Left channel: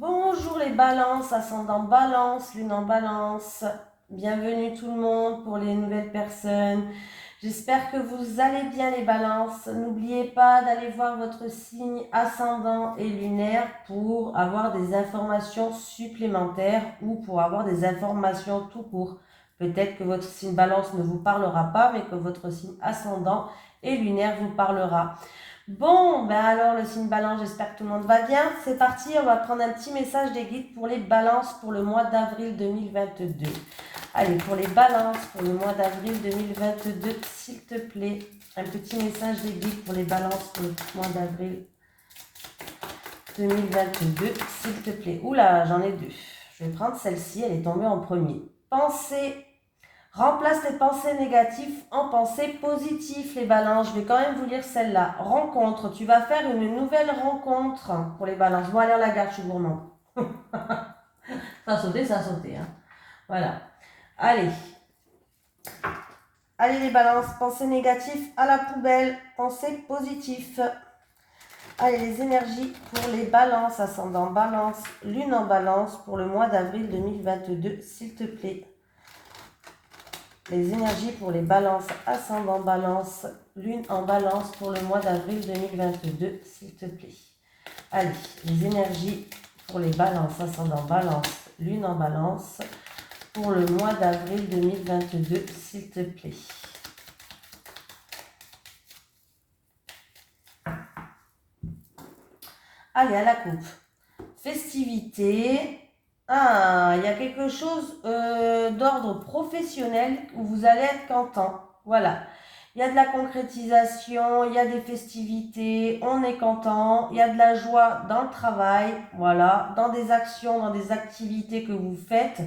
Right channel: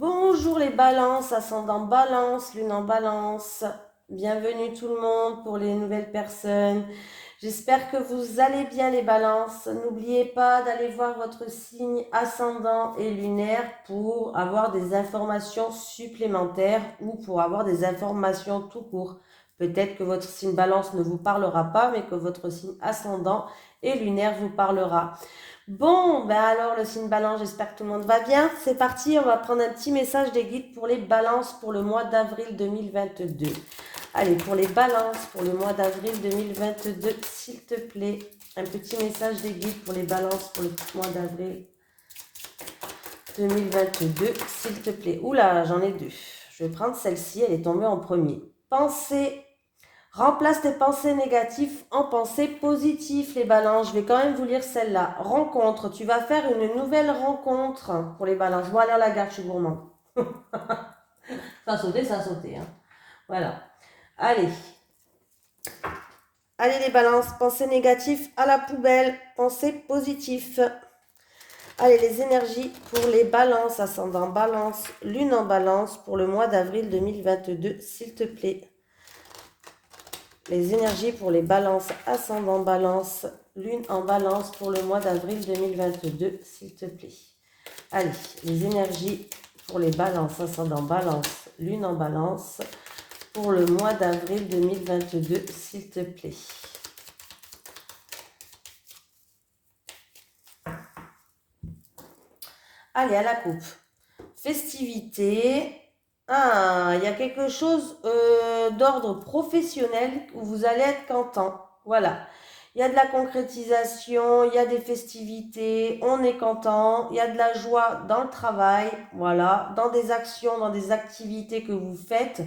Bonjour les balances, ascendant balance, lune en balance. Bienvenue tout le monde pour les nouvelles personnes. J'espère que vous allez bien les balances. N'oubliez pas d'aller voir votre signe ascendant et lunaire pour avoir des informations supplémentaires ou pour avoir des informations tout court. Peut-être que votre signe balance ne vous parlera pas, mais que votre signe ascendant et lunaire vous parlera. Bon, ben alors le signe balance, j'espère que tout le monde va bien. C'est parti, on va prendre un petit message des guides pour les balances pour le mois d'avril 2022. Allez, pour les balances pour le mois d'avril 2022, s'il te plaît, un petit message des guides pour les balances pour le mois d'avril 2022, s'il te plaît. Oula, j'en ai deux. Je vais prendre celle-ci, elle est tombée en premier. Pensée. Remplace tes pensées négatives en pensées positives, les balances. Je vais quand même vous lire celle-là. Rencontre. Tu vas faire une nouvelle rencontre pour les balances. Bon, allez à la gare, je suis gourmand. Ça a sauté, ça a sauté. Hein. Voilà. Allez. Allez, les balances. Pensées négatives à la poubelle. Pensées positives. Allez, les énergies pour les balances. Ascendant balance. Lune en balance pour le mois d'avril 2022, s'il te plaît. Les énergies pour les balances, ascendant balance, lune en balance pour le mois d'avril 2022, s'il te plaît. Allez, les énergies pour les balances, ascendant balance, lune en balance pour le mois d'avril 2022, s'il te plaît. Allez, à la coupe. Festivité. Ah, il y a quelque chose d'ordre professionnel où vous allez être content. Voilà. Il y a de la concrétisation, il y a des festivités, on est content, il y a de la joie dans le travail, voilà, dans des actions, dans des activités que vous faites,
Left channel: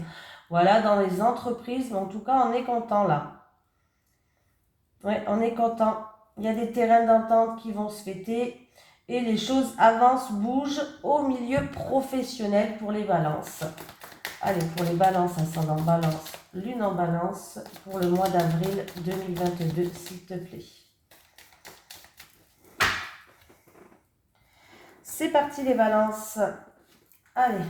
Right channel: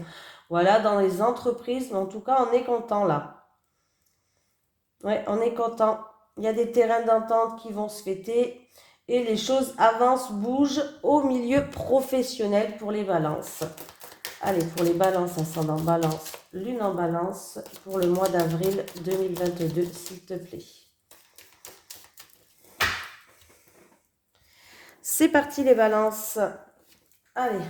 voilà, dans les entreprises, mais en tout cas, on est content là. Ouais, on est content. Il y a des terrains d'entente qui vont se fêter et les choses avancent, bougent au milieu professionnel pour les balances. Allez, pour les balances, ascendant balance, lune en balance, pour le mois d'avril 2022, s'il te plaît. C'est parti les balances. Allez.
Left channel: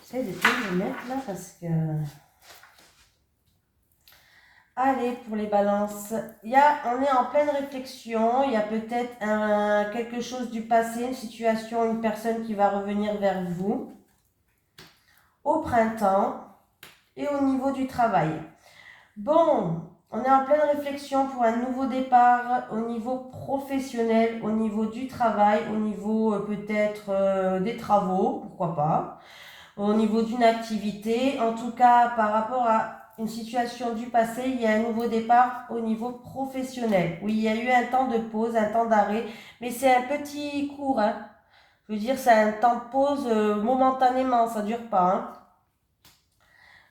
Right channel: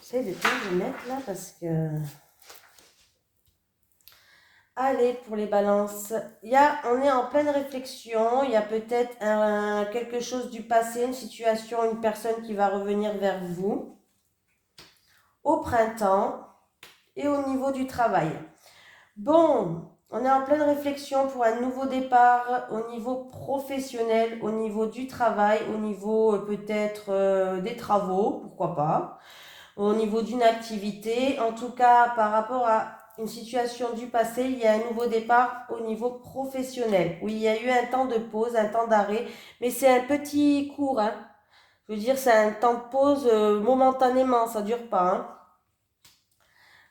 J'essaie de tout les mettre là parce que... Allez, pour les balances, on est en pleine réflexion, il y a peut-être quelque chose du passé, une situation, une personne qui va revenir vers vous au printemps et au niveau du travail. Bon, on est en pleine réflexion pour un nouveau départ au niveau professionnel, au niveau du travail, au niveau peut-être des travaux, pourquoi pas, au niveau d'une activité. En tout cas, par rapport à une situation du passé, il y a un nouveau départ au niveau professionnel. Oui, il y a eu un temps de pause, un temps d'arrêt, mais c'est un petit cours. Hein. Je veux dire, c'est un temps de pause momentanément, ça ne dure pas. Hein.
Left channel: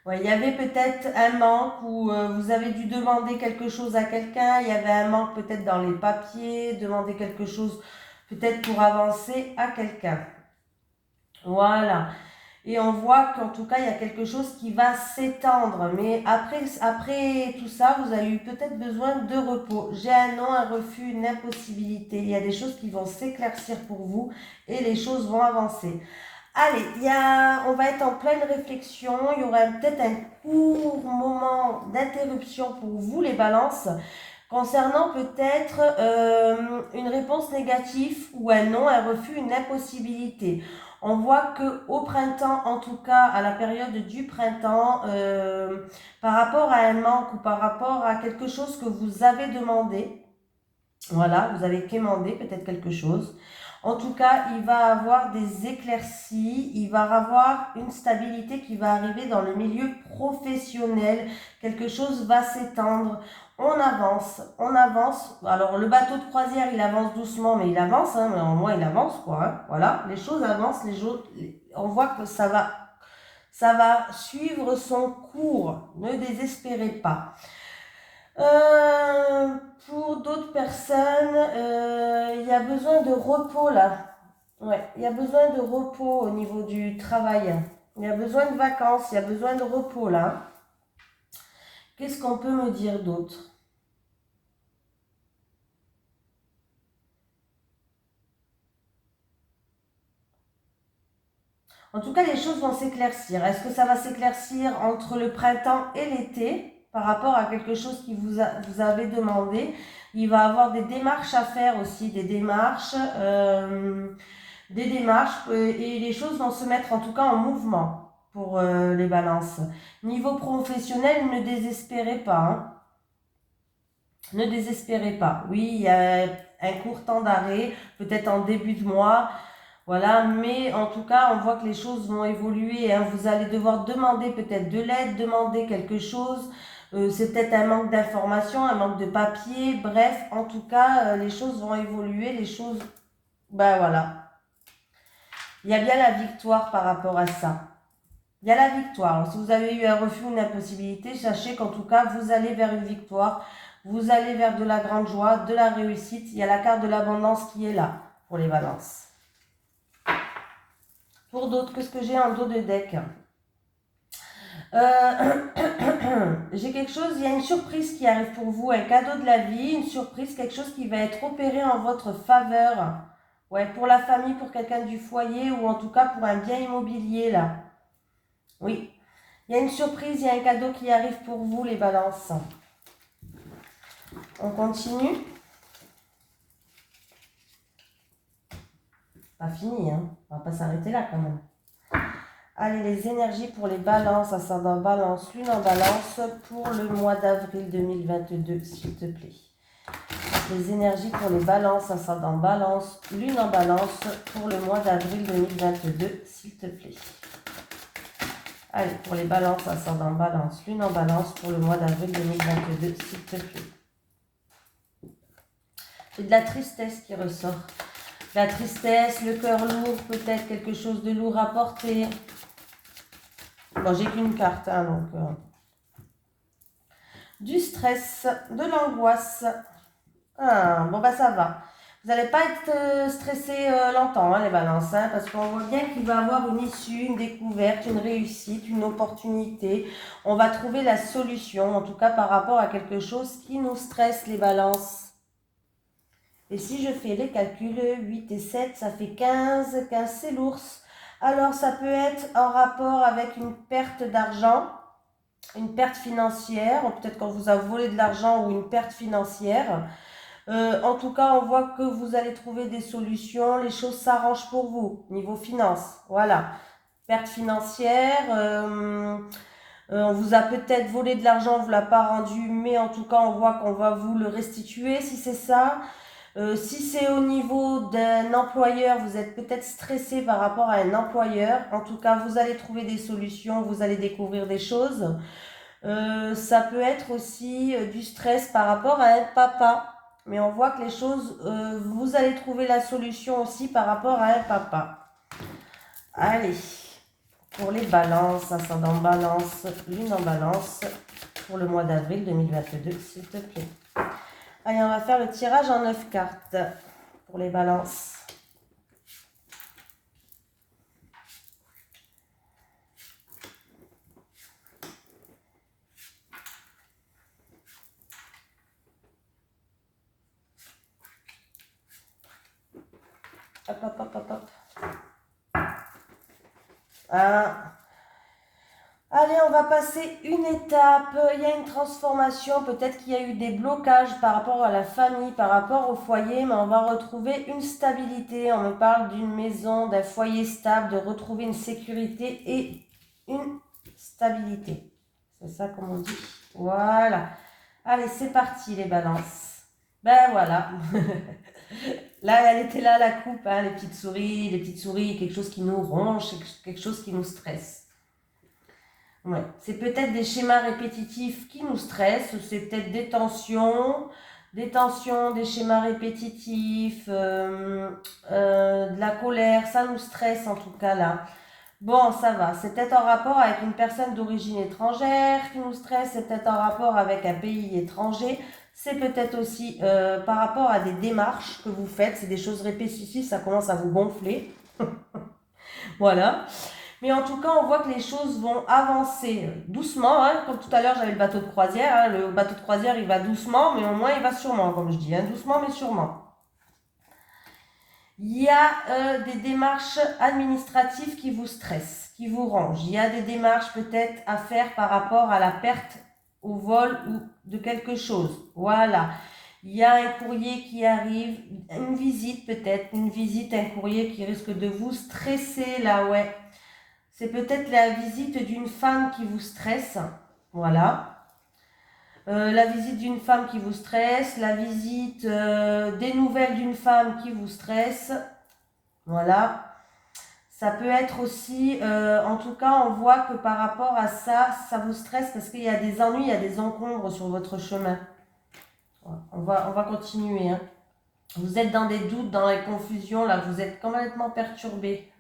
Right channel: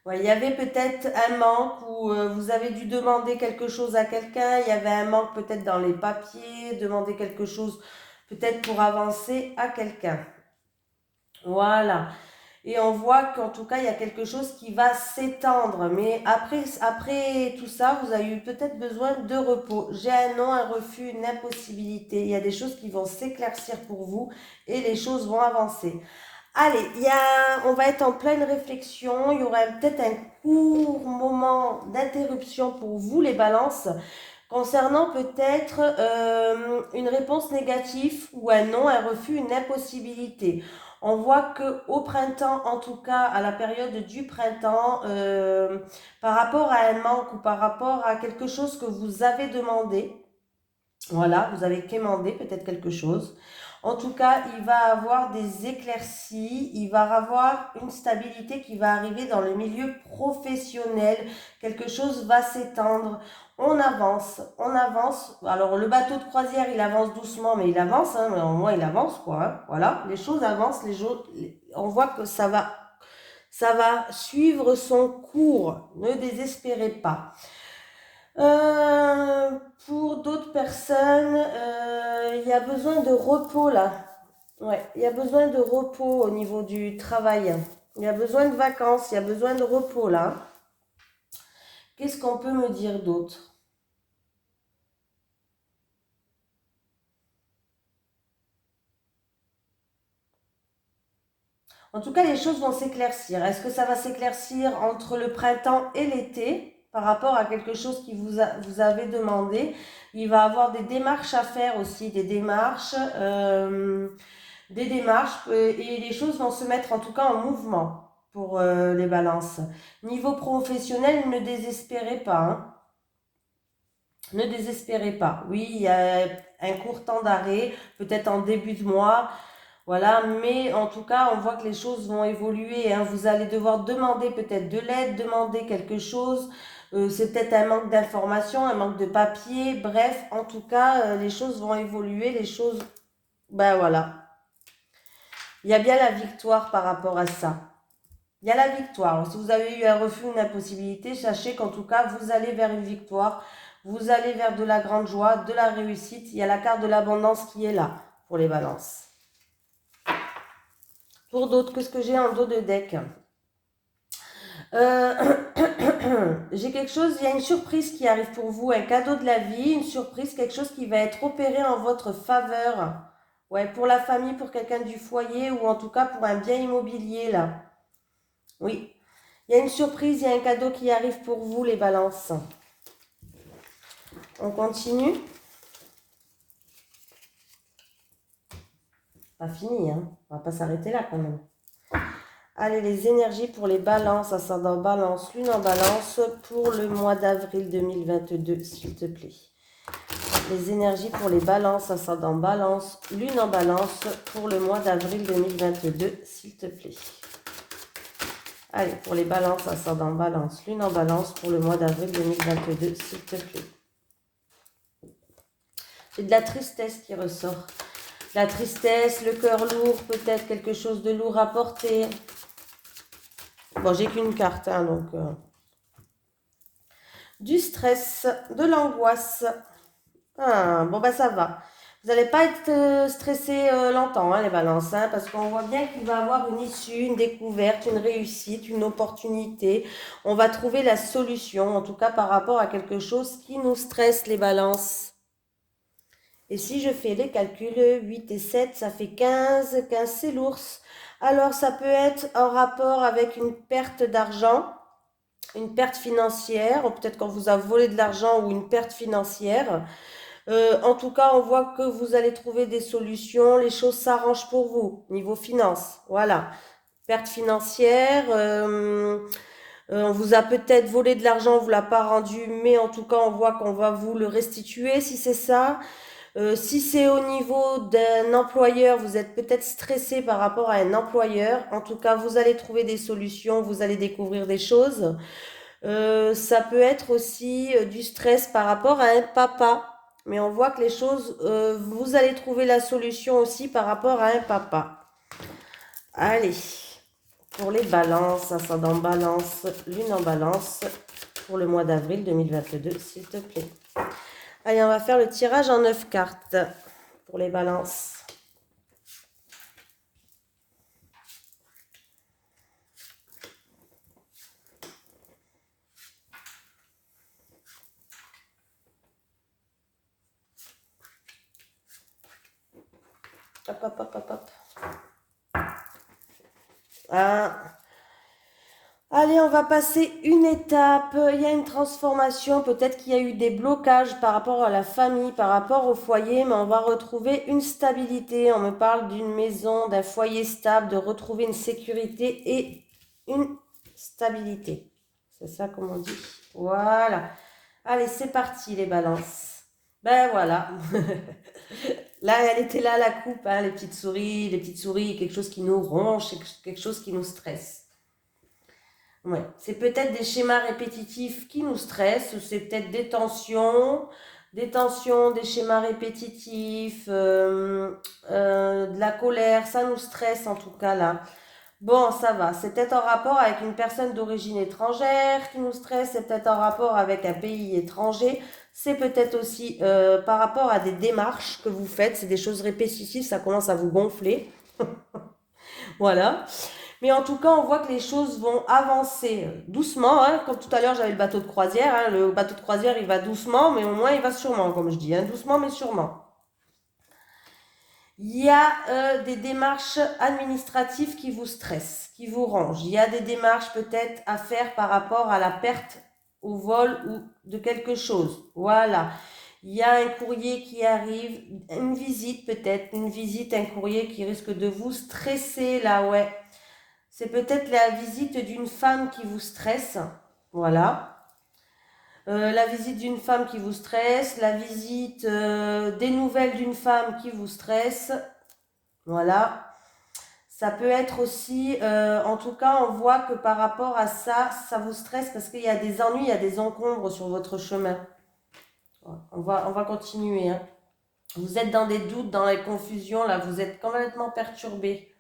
Ouais, il y avait peut-être un manque où vous avez dû demander quelque chose à quelqu'un, il y avait un manque peut-être dans les papiers, demander quelque chose peut-être pour avancer à quelqu'un. Voilà. Et on voit qu'en tout cas, il y a quelque chose qui va s'étendre. Mais après tout ça, vous avez eu peut-être besoin de repos. J'ai un non, un refus, une impossibilité. Il y a des choses qui vont s'éclaircir pour vous et les choses vont avancer. Allez, on va être en pleine réflexion. Il y aura peut-être un court moment d'interruption pour vous, les balances, concernant peut-être une réponse négative ou un non, un refus, une impossibilité. On voit qu'au printemps, en tout cas à la période du printemps, par rapport à un manque ou par rapport à quelque chose que vous avez demandé, voilà, vous avez quémandé peut-être quelque chose. En tout cas, il va avoir des éclaircies, il va avoir une stabilité qui va arriver dans le milieu professionnel. Quelque chose va s'étendre. On avance, on avance. Alors, le bateau de croisière, il avance doucement, mais il avance. Hein, mais au moins, il avance, quoi. Hein, voilà, les choses avancent. On voit que ça va suivre son cours. Ne désespérez pas. Pour d'autres personnes, il y a besoin de repos là. Ouais, il y a besoin de repos au niveau du travail. Il y a besoin de vacances, il y a besoin de repos là. Qu'est-ce qu'on peut me dire d'autre? En tout cas, les choses vont s'éclaircir. Est-ce que ça va s'éclaircir entre le printemps et l'été par rapport à quelque chose qui vous avez demandé? Il va y avoir des démarches à faire aussi, des démarches et les choses vont se mettre en tout cas en mouvement pour les balances. Niveau professionnel, ne désespérez pas, hein. Ne désespérez pas. Oui, il y a un court temps d'arrêt, peut-être en début de mois. Voilà, mais en tout cas, on voit que les choses vont évoluer, hein. Vous allez devoir demander peut-être de l'aide, demander quelque chose. C'est peut-être un manque d'information, un manque de papier. Bref, en tout cas, les choses vont évoluer. Les choses, ben voilà. Il y a bien la victoire par rapport à ça. Il y a la victoire. Si vous avez eu un refus, une impossibilité, sachez qu'en tout cas, vous allez vers une victoire. Vous allez vers de la grande joie, de la réussite. Il y a la carte de l'abondance qui est là pour les balances. Pour d'autres, qu'est-ce que j'ai en dos de deck? J'ai quelque chose, il y a une surprise qui arrive pour vous, un cadeau de la vie, une surprise, quelque chose qui va être opéré en votre faveur. Ouais, pour la famille, pour quelqu'un du foyer ou en tout cas pour un bien immobilier là. Oui, il y a une surprise, il y a un cadeau qui arrive pour vous les balances. On continue. Pas fini, hein. On va pas s'arrêter là quand même. Allez, les énergies pour les balances, ascendant balance, lune en balance, pour le mois d'avril 2022, s'il te plaît. Les énergies pour les balances, ascendant balance, lune en balance, pour le mois d'avril 2022, s'il te plaît. Allez, pour les balances, ascendant balance, lune en balance, pour le mois d'avril 2022, s'il te plaît. J'ai de la tristesse qui ressort. La tristesse, le cœur lourd, peut-être quelque chose de lourd à porter. Bon, j'ai qu'une carte, hein, donc... Du stress, de l'angoisse. Ah, bon, bah ça va. Vous n'allez pas être stressé longtemps, hein, les balances, hein, parce qu'on voit bien qu'il va y avoir une issue, une découverte, une réussite, une opportunité. On va trouver la solution, en tout cas par rapport à quelque chose qui nous stresse, les balances. Et si je fais les calculs, 8 et 7, ça fait 15. 15, c'est l'ours. Alors, ça peut être en rapport avec une perte d'argent, une perte financière, ou peut-être qu'on vous a volé de l'argent ou une perte financière. En tout cas, on voit que vous allez trouver des solutions, les choses s'arrangent pour vous, niveau finance. Voilà. Perte financière, on vous a peut-être volé de l'argent, on ne vous l'a pas rendu, mais en tout cas, on voit qu'on va vous le restituer si c'est ça. Si c'est au niveau d'un employeur, vous êtes peut-être stressé par rapport à un employeur. En tout cas, vous allez trouver des solutions, vous allez découvrir des choses. Ça peut être aussi du stress par rapport à un papa. Mais on voit que les choses, vous allez trouver la solution aussi par rapport à un papa. Allez, pour les balances, ascendant balance, lune en balance, pour le mois d'avril 2022, s'il te plaît. Allez, on va faire le tirage en 9 cartes pour les balances. Hop, hop, hop, hop, hop. Ah. Allez, on va passer une étape. Il y a une transformation. Peut-être qu'il y a eu des blocages par rapport à la famille, par rapport au foyer, mais on va retrouver une stabilité. On me parle d'une maison, d'un foyer stable, de retrouver une sécurité et une stabilité. C'est ça comme on dit. Voilà. Allez, c'est parti les balances. Ben voilà. Là, elle était là, la coupe, hein, les petites souris, quelque chose qui nous ronge, quelque chose qui nous stresse. Ouais. C'est peut-être des schémas répétitifs qui nous stressent, c'est peut-être des tensions, des schémas répétitifs, de la colère, ça nous stresse en tout cas là. Bon, ça va, c'est peut-être en rapport avec une personne d'origine étrangère qui nous stresse, c'est peut-être en rapport avec un pays étranger, c'est peut-être aussi par rapport à des démarches que vous faites, c'est des choses répétitives, ça commence à vous gonfler. Voilà. Mais en tout cas, on voit que les choses vont avancer doucement, hein. Comme tout à l'heure, j'avais le bateau de croisière, hein. Le bateau de croisière, il va doucement, mais au moins, il va sûrement, comme je dis, hein. Doucement, mais sûrement. Il y a des démarches administratives qui vous stressent, qui vous rangent. Il y a des démarches peut-être à faire par rapport à la perte au vol ou de quelque chose. Voilà. Il y a un courrier qui arrive, une visite peut-être, une visite, un courrier qui risque de vous stresser là, ouais. C'est peut-être la visite d'une femme qui vous stresse. Voilà. La visite d'une femme qui vous stresse, la visite des nouvelles d'une femme qui vous stresse. Voilà. Ça peut être aussi, en tout cas, on voit que par rapport à ça, ça vous stresse parce qu'il y a des ennuis, il y a des encombres sur votre chemin. On va continuer, hein. Vous êtes dans des doutes, dans les confusions, là, vous êtes complètement perturbé.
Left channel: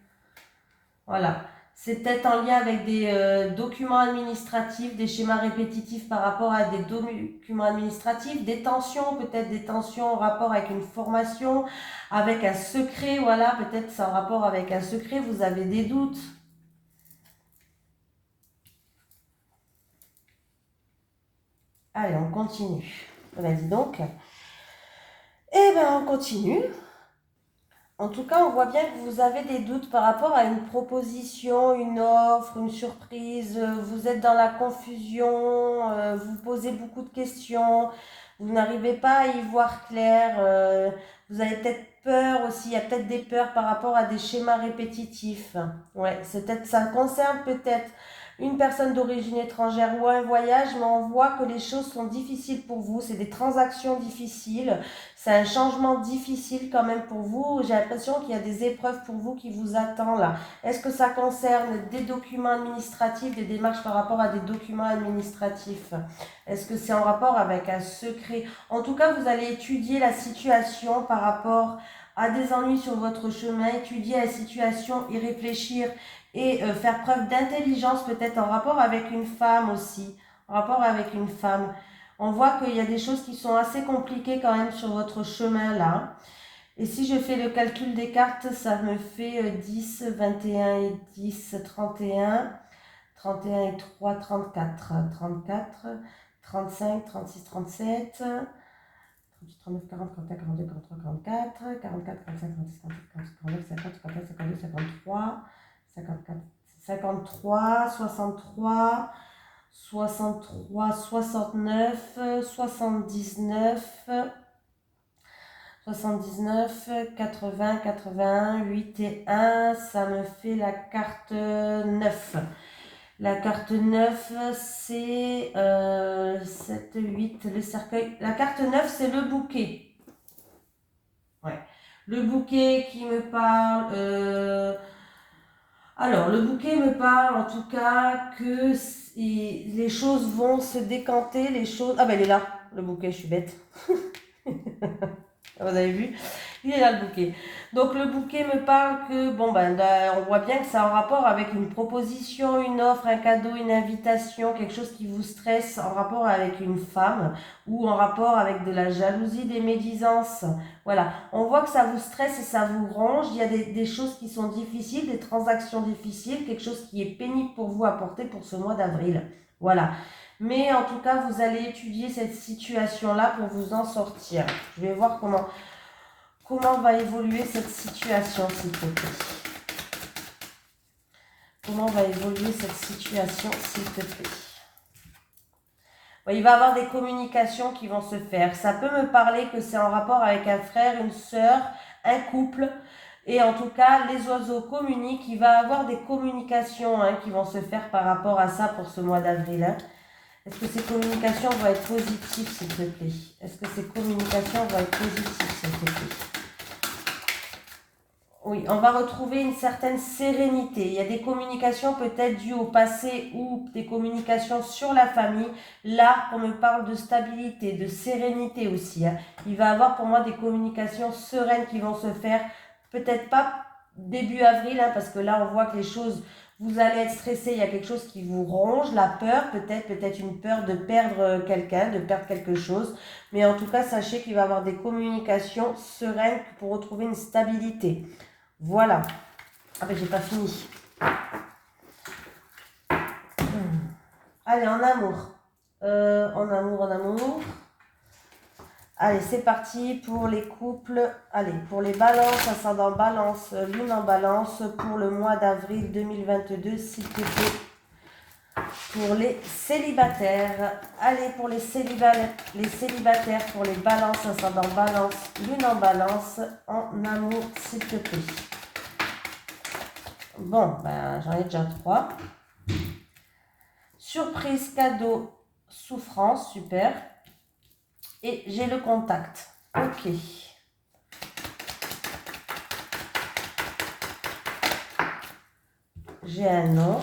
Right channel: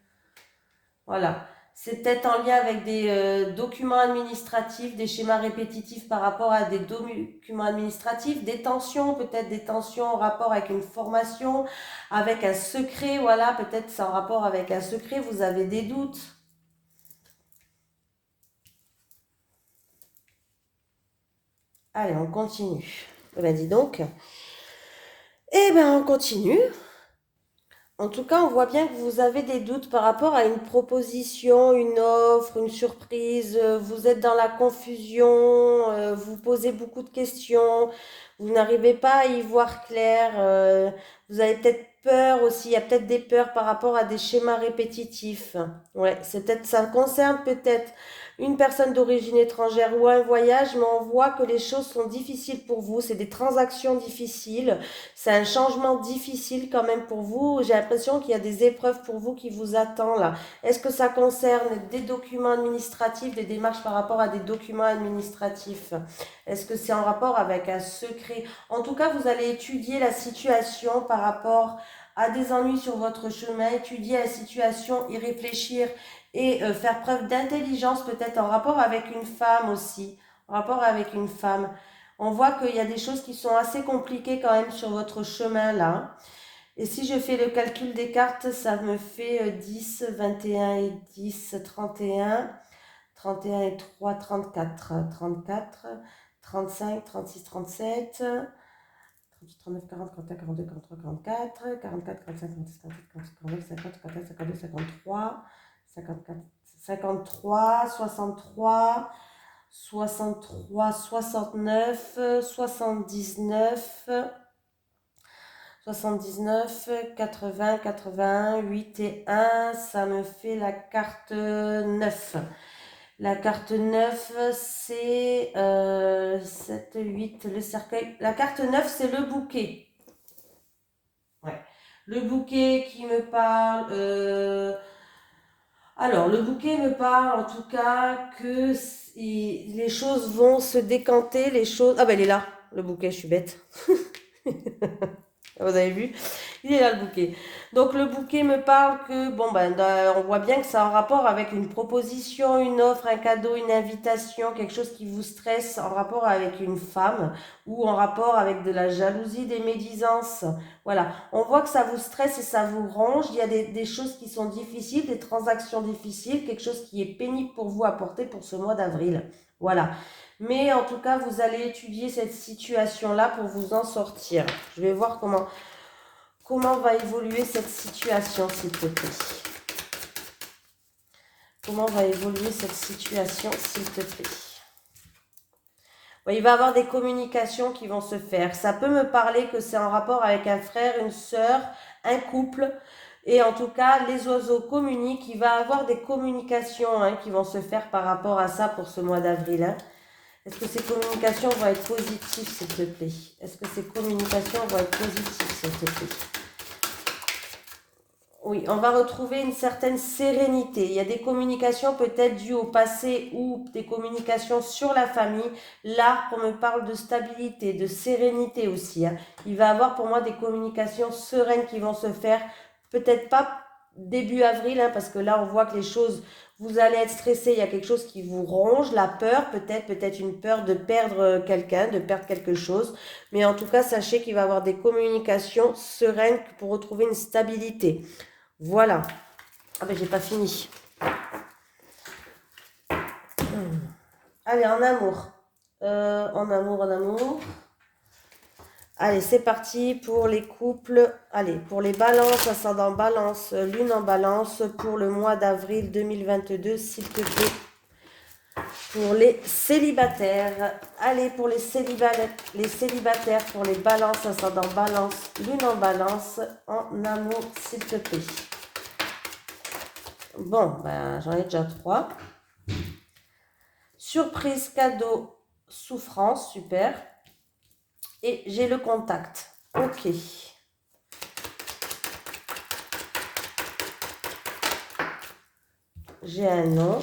Voilà. C'est peut-être en lien avec des documents administratifs, des schémas répétitifs par rapport à des documents administratifs, des tensions, peut-être des tensions en rapport avec une formation, avec un secret, voilà, peut-être c'est en rapport avec un secret, vous avez des doutes. Allez, on continue. Ben dis donc. Eh ben, on continue. En tout cas, on voit bien que vous avez des doutes par rapport à une proposition, une offre, une surprise. Vous êtes dans la confusion, vous posez beaucoup de questions, vous n'arrivez pas à y voir clair. Vous avez peut-être peur aussi, il y a peut-être des peurs par rapport à des schémas répétitifs. Ouais, c'est peut-être, ça concerne peut-être une personne d'origine étrangère ou un voyage, mais on voit que les choses sont difficiles pour vous. C'est des transactions difficiles. C'est un changement difficile quand même pour vous. J'ai l'impression qu'il y a des épreuves pour vous qui vous attendent là. Est-ce que ça concerne des documents administratifs, des démarches par rapport à des documents administratifs? Est-ce que c'est en rapport avec un secret? En tout cas, vous allez étudier la situation par rapport à des ennuis sur votre chemin, étudier la situation, y réfléchir et faire preuve d'intelligence peut-être en rapport avec une femme aussi. En rapport avec une femme. On voit qu'il y a des choses qui sont assez compliquées quand même sur votre chemin là. Et si je fais le calcul des cartes, ça me fait 10, 21 et 10, 31. 31 et 3, 34. 34, 35, 36, 37. 38, 39, 40, 41, 42, 43, 44. 44, 45, 46, 47, 48, 49, 50, 51, 52, 53. 54, 53, 63. 63, 69, 79, 79, 80, 81, 8 et 1, ça me fait la carte 9. La carte 9, c'est 7, 8, le cercueil. La carte 9, c'est le bouquet. Ouais. Le bouquet qui me parle... Alors, le bouquet me parle en tout cas que les choses vont se décanter, les choses... Ah ben, il est là, le bouquet, je suis bête. Vous avez vu? Il est là le bouquet. Donc le bouquet me parle que, bon ben, on voit bien que ça a un rapport avec une proposition, une offre, un cadeau, une invitation, quelque chose qui vous stresse en rapport avec une femme ou en rapport avec de la jalousie, des médisances. Voilà, on voit que ça vous stresse et ça vous range. Il y a des choses qui sont difficiles, des transactions difficiles, quelque chose qui est pénible pour vous à porter pour ce mois d'avril. Voilà. Mais en tout cas, vous allez étudier cette situation-là pour vous en sortir. Je vais voir comment va évoluer cette situation, s'il te plaît. Comment va évoluer cette situation, s'il te plaît. Il va y avoir des communications qui vont se faire. Ça peut me parler que c'est en rapport avec un frère, une sœur, un couple. Et en tout cas, les oiseaux communiquent. Il va y avoir des communications qui vont se faire par rapport à ça pour ce mois d'avril. Est-ce que ces communications vont être positives, s'il te plaît? Est-ce que ces communications vont être positives, s'il te plaît? Oui, on va retrouver une certaine sérénité. Il y a des communications peut-être dues au passé ou des communications sur la famille. Là, on me parle de stabilité, de sérénité aussi. Il va y avoir pour moi des communications sereines qui vont se faire. Peut-être pas début avril, parce que là, on voit que les choses... Vous allez être stressé, il y a quelque chose qui vous ronge, la peur, peut-être une peur de perdre quelqu'un, de perdre quelque chose. Mais en tout cas, sachez qu'il va y avoir des communications sereines pour retrouver une stabilité. Voilà. Ah ben j'ai pas fini. Allez, en amour. En amour. Allez, c'est parti pour les couples. Allez, pour les balances, ascendant balance, lune en balance, pour le mois d'avril 2022, s'il te plaît. Pour les célibataires. Allez, pour les célibataires, pour les balances, ascendant balance, lune en balance, en amour, s'il te plaît. Bon, ben, j'en ai déjà 3. Surprise, cadeau, souffrance, super. Et j'ai le contact. Ok. J'ai un nom.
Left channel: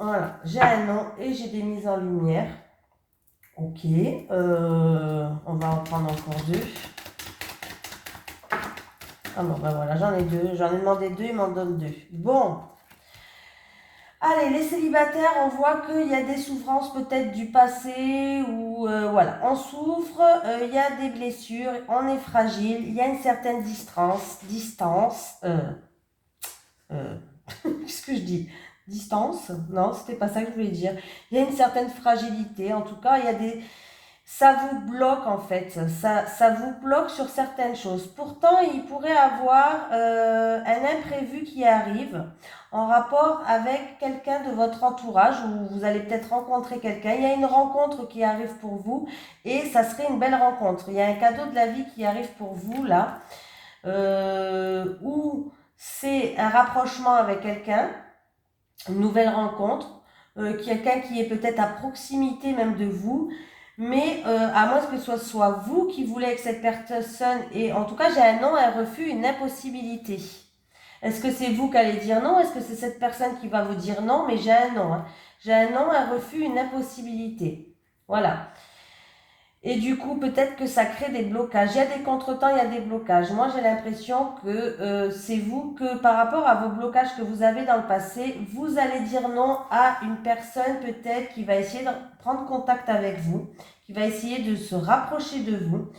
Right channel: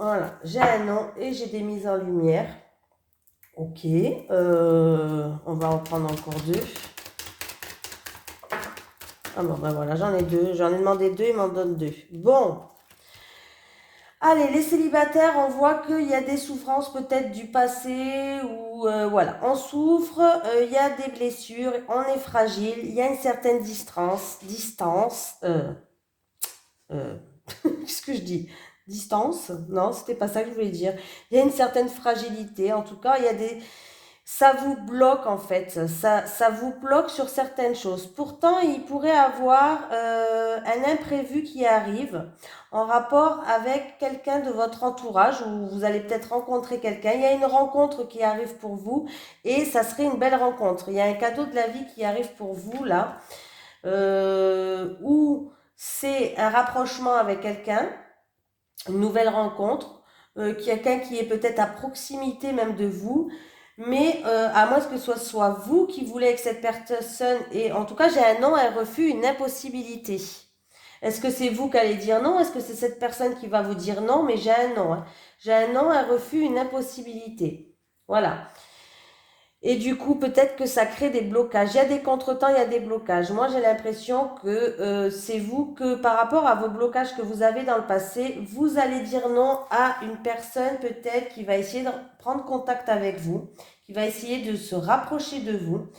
Voilà, j'ai un nom et j'ai des mises en lumière. Ok. On va en prendre encore 2. Ah bon, ben voilà, j'en ai 2. J'en ai demandé 2, il m'en donne 2. Bon. Allez, les célibataires, on voit qu'il y a des souffrances peut-être du passé ou voilà, on souffre, il y a des blessures, on est fragile, il y a une certaine distance, qu'est-ce que je dis? Distance? Non, c'était pas ça que je voulais dire. Il y a une certaine fragilité, en tout cas, il y a des... Ça vous bloque en fait, ça vous bloque sur certaines choses. Pourtant, il pourrait avoir un imprévu qui arrive en rapport avec quelqu'un de votre entourage ou vous allez peut-être rencontrer quelqu'un. Il y a une rencontre qui arrive pour vous et ça serait une belle rencontre. Il y a un cadeau de la vie qui arrive pour vous là, où c'est un rapprochement avec quelqu'un, une nouvelle rencontre, quelqu'un qui est peut-être à proximité même de vous, mais à moins que ce soit vous qui voulez avec cette personne, et en tout cas j'ai un non, un refus, une impossibilité. Est-ce que c'est vous qui allez dire non? Est-ce que c'est cette personne qui va vous dire non? Mais j'ai un non, hein. J'ai un non, un refus, une impossibilité. Voilà. Et du coup, peut-être que ça crée des blocages. Il y a des contretemps, il y a des blocages. Moi, j'ai l'impression que c'est vous que par rapport à vos blocages que vous avez dans le passé, vous allez dire non à une personne peut-être qui va essayer de prendre contact avec vous, qui va essayer de se rapprocher de vous.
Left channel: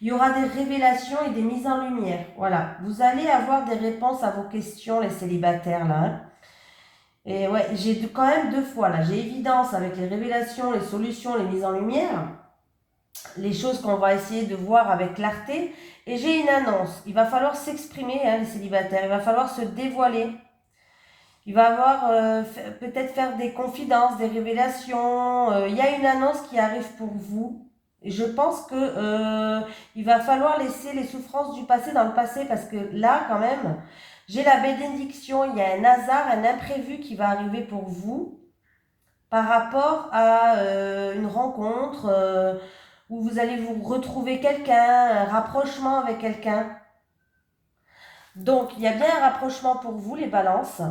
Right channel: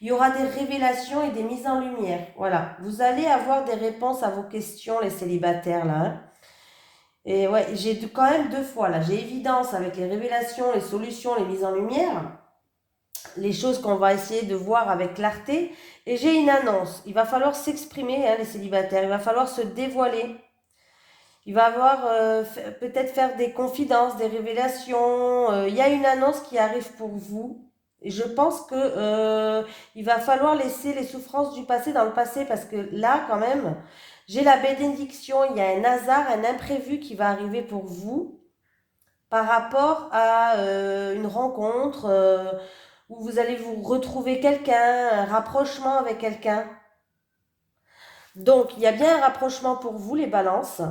Il y aura des révélations et des mises en lumière. Voilà. Vous allez avoir des réponses à vos questions, les célibataires, là, hein. Et ouais, j'ai quand même 2 fois, là. J'ai évidence avec les révélations, les solutions, les mises en lumière, les choses qu'on va essayer de voir avec clarté. Et j'ai une annonce. Il va falloir s'exprimer, hein, les célibataires. Il va falloir se dévoiler. Il va avoir peut-être faire des confidences, des révélations. Il y a une annonce qui arrive pour vous. Et je pense que il va falloir laisser les souffrances du passé dans le passé parce que là, quand même, j'ai la bénédiction. Il y a un hasard, un imprévu qui va arriver pour vous par rapport à une rencontre où vous allez vous retrouver quelqu'un, un rapprochement avec quelqu'un. Donc, il y a bien un rapprochement pour vous, les balances,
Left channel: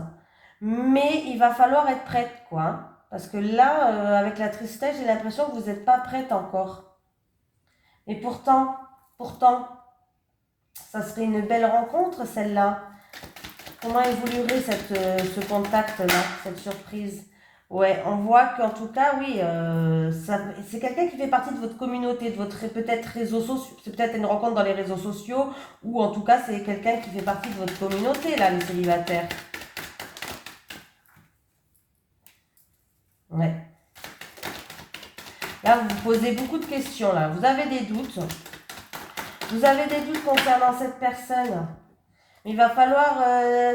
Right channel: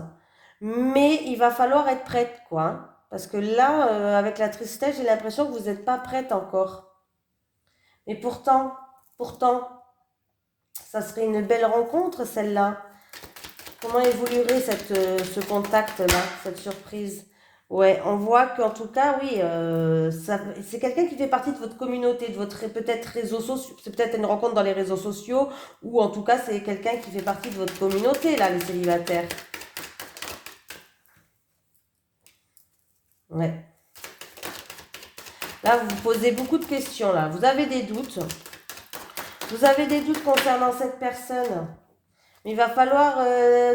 mais il va falloir être prête, quoi. Parce que là, avec la tristesse, j'ai l'impression que vous n'êtes pas prête encore. Et pourtant, ça serait une belle rencontre, celle-là. Comment évoluerait ce contact-là, cette surprise? Ouais, on voit qu'en tout cas, oui, c'est quelqu'un qui fait partie de votre communauté, de votre peut-être réseau social, c'est peut-être une rencontre dans les réseaux sociaux, ou en tout cas, c'est quelqu'un qui fait partie de votre communauté, là, les célibataires. Ouais. Là, vous vous posez beaucoup de questions, là. Vous avez des doutes. Vous avez des doutes concernant cette personne. Il va falloir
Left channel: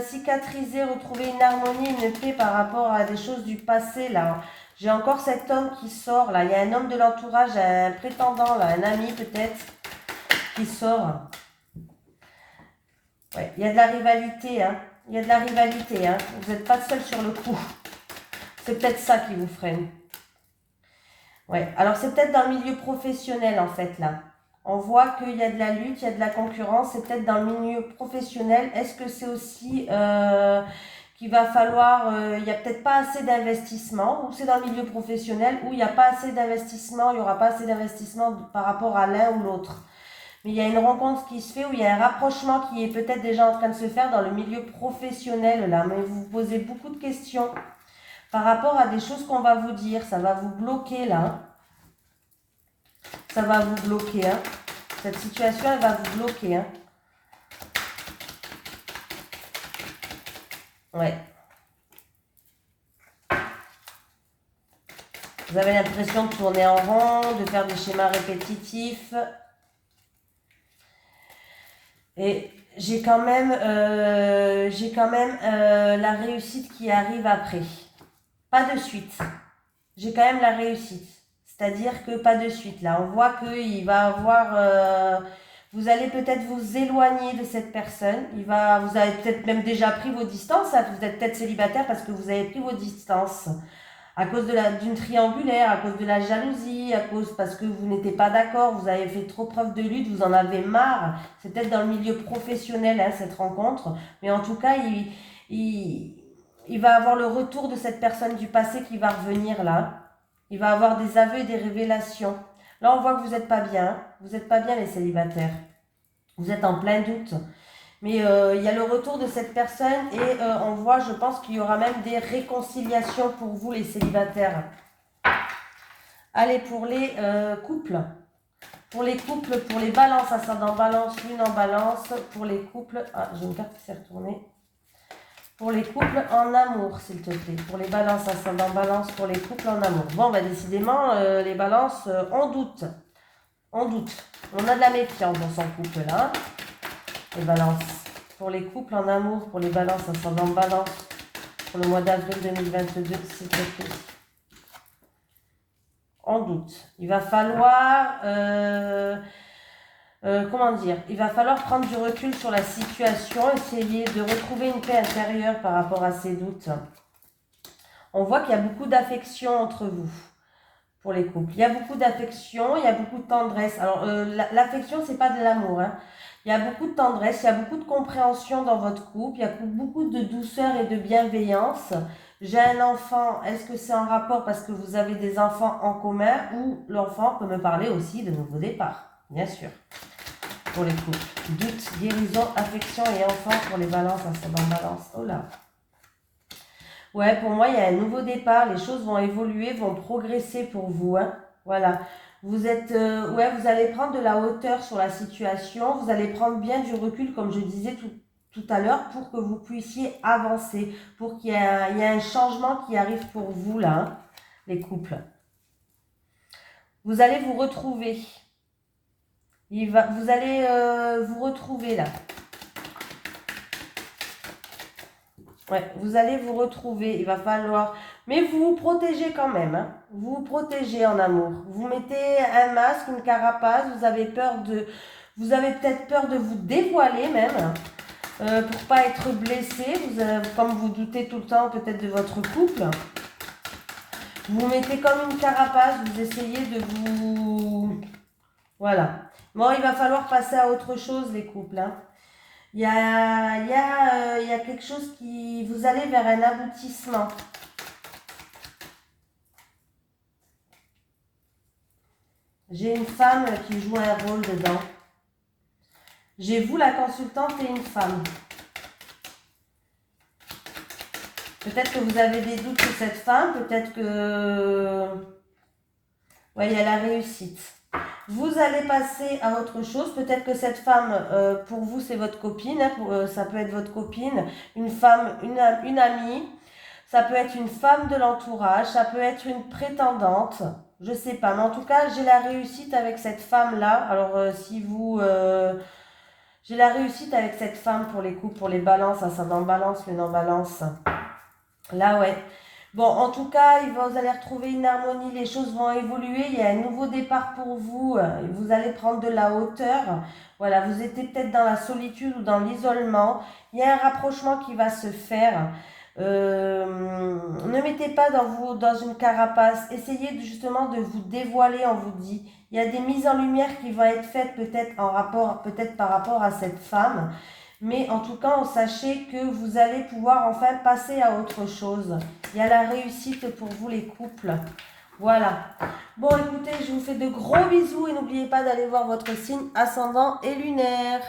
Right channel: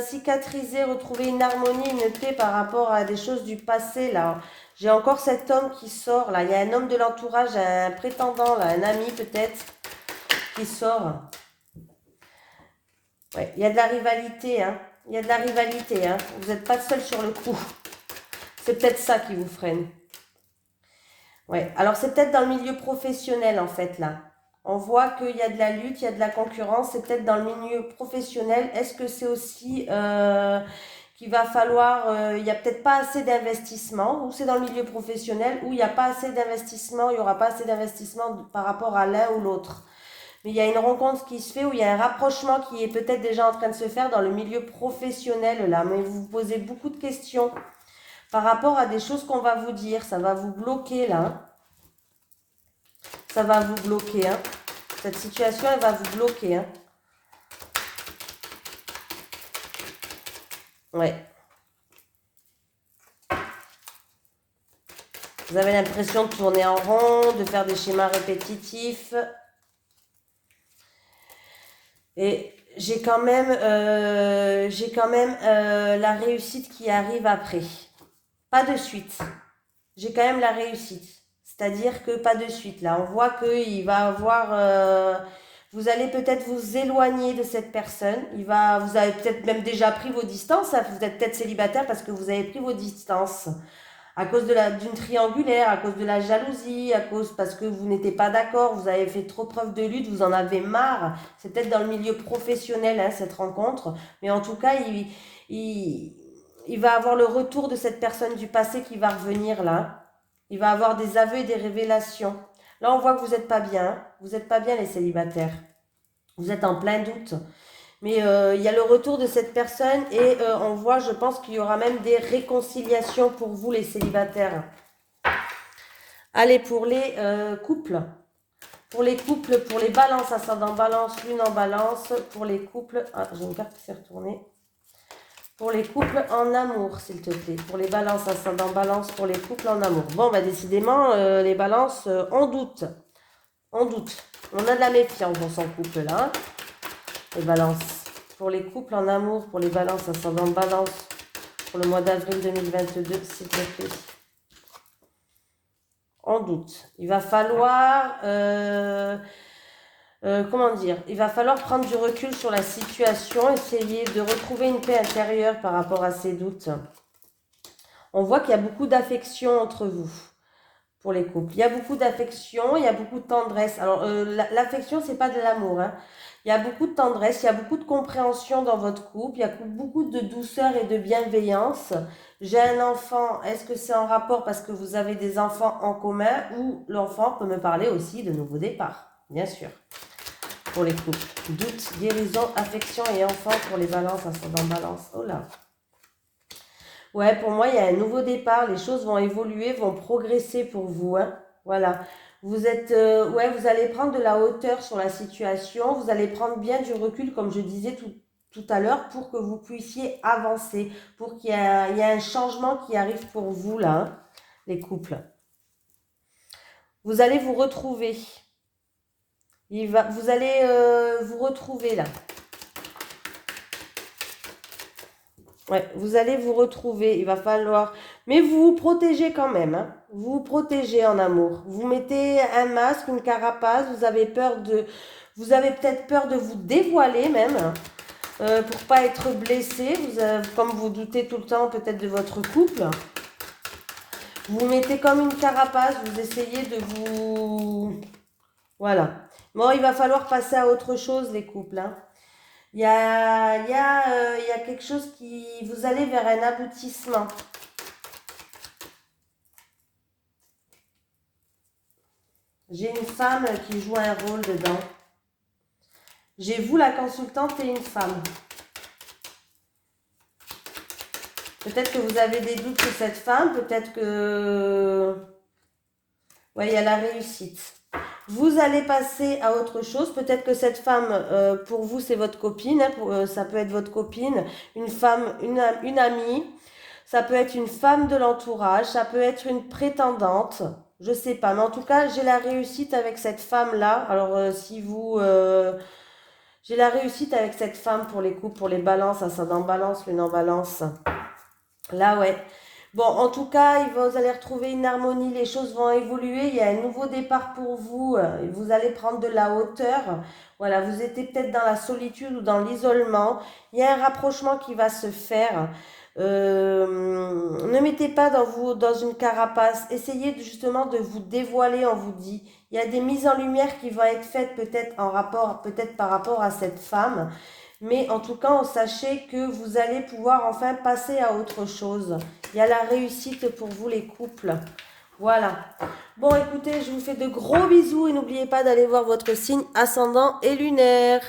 cicatriser, retrouver une harmonie, une paix par rapport à des choses du passé, là. J'ai encore cet homme qui sort, là. Il y a un homme de l'entourage, un prétendant, là, un ami peut-être, qui sort. Ouais, il y a de la rivalité, hein. Il y a de la rivalité, hein. Vous n'êtes pas seul sur le coup. C'est peut-être ça qui vous freine. Ouais, alors c'est peut-être dans le milieu professionnel, en fait, là. On voit qu'il y a de la lutte, il y a de la concurrence, c'est peut-être dans le milieu professionnel. Est-ce que c'est aussi qu'il va falloir, il n'y a peut-être pas assez d'investissement, ou c'est dans le milieu professionnel où il n'y a pas assez d'investissement, il n'y aura pas assez d'investissement par rapport à l'un ou l'autre. Mais il y a une rencontre qui se fait où il y a un rapprochement qui est peut-être déjà en train de se faire dans le milieu professionnel là. Mais vous vous posez beaucoup de questions par rapport à des choses qu'on va vous dire. Ça va vous bloquer là. Ça va vous bloquer, hein. Cette situation, elle va vous bloquer, hein. Ouais. Vous avez l'impression de tourner en rond, de faire des schémas répétitifs. Et j'ai quand même la réussite qui arrive après. Pas de suite. J'ai quand même la réussite. C'est-à-dire que pas de suite. Là, on voit qu'il va avoir... vous allez peut-être vous éloigner de cette personne. Vous avez peut-être même déjà pris vos distances. Hein. Vous êtes peut-être célibataire parce que vous avez pris vos distances. À cause d'une triangulaire, à cause de la jalousie, parce que vous n'étiez pas d'accord, vous avez fait trop preuve de lutte, vous en avez marre. C'est peut-être dans le milieu professionnel, hein, cette rencontre. Mais en tout cas, il va avoir le retour de cette personne du passé qui va revenir là. Il va avoir des aveux et des révélations. Là, on voit que vous n'êtes pas bien. Vous n'êtes pas bien, les célibataires. Vous êtes en plein doute. Mais il y a le retour de cette personne et on voit, je pense qu'il y aura même des réconciliations pour vous, les célibataires. Allez, pour les couples. Pour les couples, pour les balances, ascendant balance, lune en balance. Pour les couples, ah, j'ai une carte qui s'est retournée. Pour les couples en amour, s'il te plaît. Pour les balances, ascendant balance, pour les couples en amour. Bon, bah décidément, les balances, on doute. On doute. On a de la méfiance dans son couple, là. Les balances. Pour les couples en amour, pour les balances, ascendant balance, pour le mois d'avril 2022, s'il te plaît. En doute. Il va falloir, comment dire, il va falloir prendre du recul sur la situation, essayer de retrouver une paix intérieure par rapport à ces doutes. On voit qu'il y a beaucoup d'affection entre vous. Pour les couples. Il y a beaucoup d'affection, il y a beaucoup de tendresse. Alors, l'affection, c'est pas de l'amour. Hein. Il y a beaucoup de tendresse, il y a beaucoup de compréhension dans votre couple, il y a beaucoup de douceur et de bienveillance. J'ai un enfant, est-ce que c'est en rapport parce que vous avez des enfants en commun ou l'enfant peut me parler aussi de nouveau départ, bien sûr. Pour les couples. Doute, guérison, affection et enfant pour les balances, ascendant balance. Oh là. Ouais, pour moi, il y a un nouveau départ. Les choses vont évoluer, vont progresser pour vous. Hein. Voilà. Vous êtes, ouais, vous allez prendre de la hauteur sur la situation. Vous allez prendre bien du recul, comme je disais tout à l'heure, pour que vous puissiez avancer, pour qu'il y ait un changement qui arrive pour vous, là, hein, les couples. Vous allez vous retrouver. Vous allez vous retrouver, là. Ouais, vous allez vous retrouver, il va falloir... Mais vous vous protégez quand même, hein. Vous vous protégez en amour. Vous mettez un masque, une carapace, vous avez peur de... Vous avez peut-être peur de vous dévoiler même, pour pas être blessé, comme vous doutez tout le temps peut-être de votre couple. Vous mettez comme une carapace, vous essayez de vous... Voilà. Bon, il va falloir passer à autre chose, les couples, hein. Il y a quelque chose qui... Vous allez vers un aboutissement. J'ai une femme qui joue un rôle dedans. J'ai vous, la consultante, et une femme. Peut-être que vous avez des doutes sur cette femme. Peut-être que... Ouais, il y a la réussite. Vous allez passer à autre chose. Peut-être que cette femme, pour vous, c'est votre copine. Hein, ça peut être votre copine, une femme, une amie. Ça peut être une femme de l'entourage. Ça peut être une prétendante. Je sais pas. Mais en tout cas, j'ai la réussite avec cette femme-là. Alors, si vous... j'ai la réussite avec cette femme pour les coups, pour les balances. Ascendant balance, lune en balance. Là, ouais. Bon, en tout cas, vous allez retrouver une harmonie, les choses vont évoluer, il y a un nouveau départ pour vous, vous allez prendre de la hauteur. Voilà, vous étiez peut-être dans la solitude ou dans l'isolement. Il y a un rapprochement qui va se faire. Ne mettez pas dans une carapace. Essayez justement de vous dévoiler, on vous dit. Il y a des mises en lumière qui vont être faites peut-être par rapport à cette femme. Mais en tout cas, sachez que vous allez pouvoir enfin passer à autre chose. Il y a la réussite pour vous les couples. Voilà. Bon, écoutez, je vous fais de gros bisous et n'oubliez pas d'aller voir votre signe ascendant et lunaire.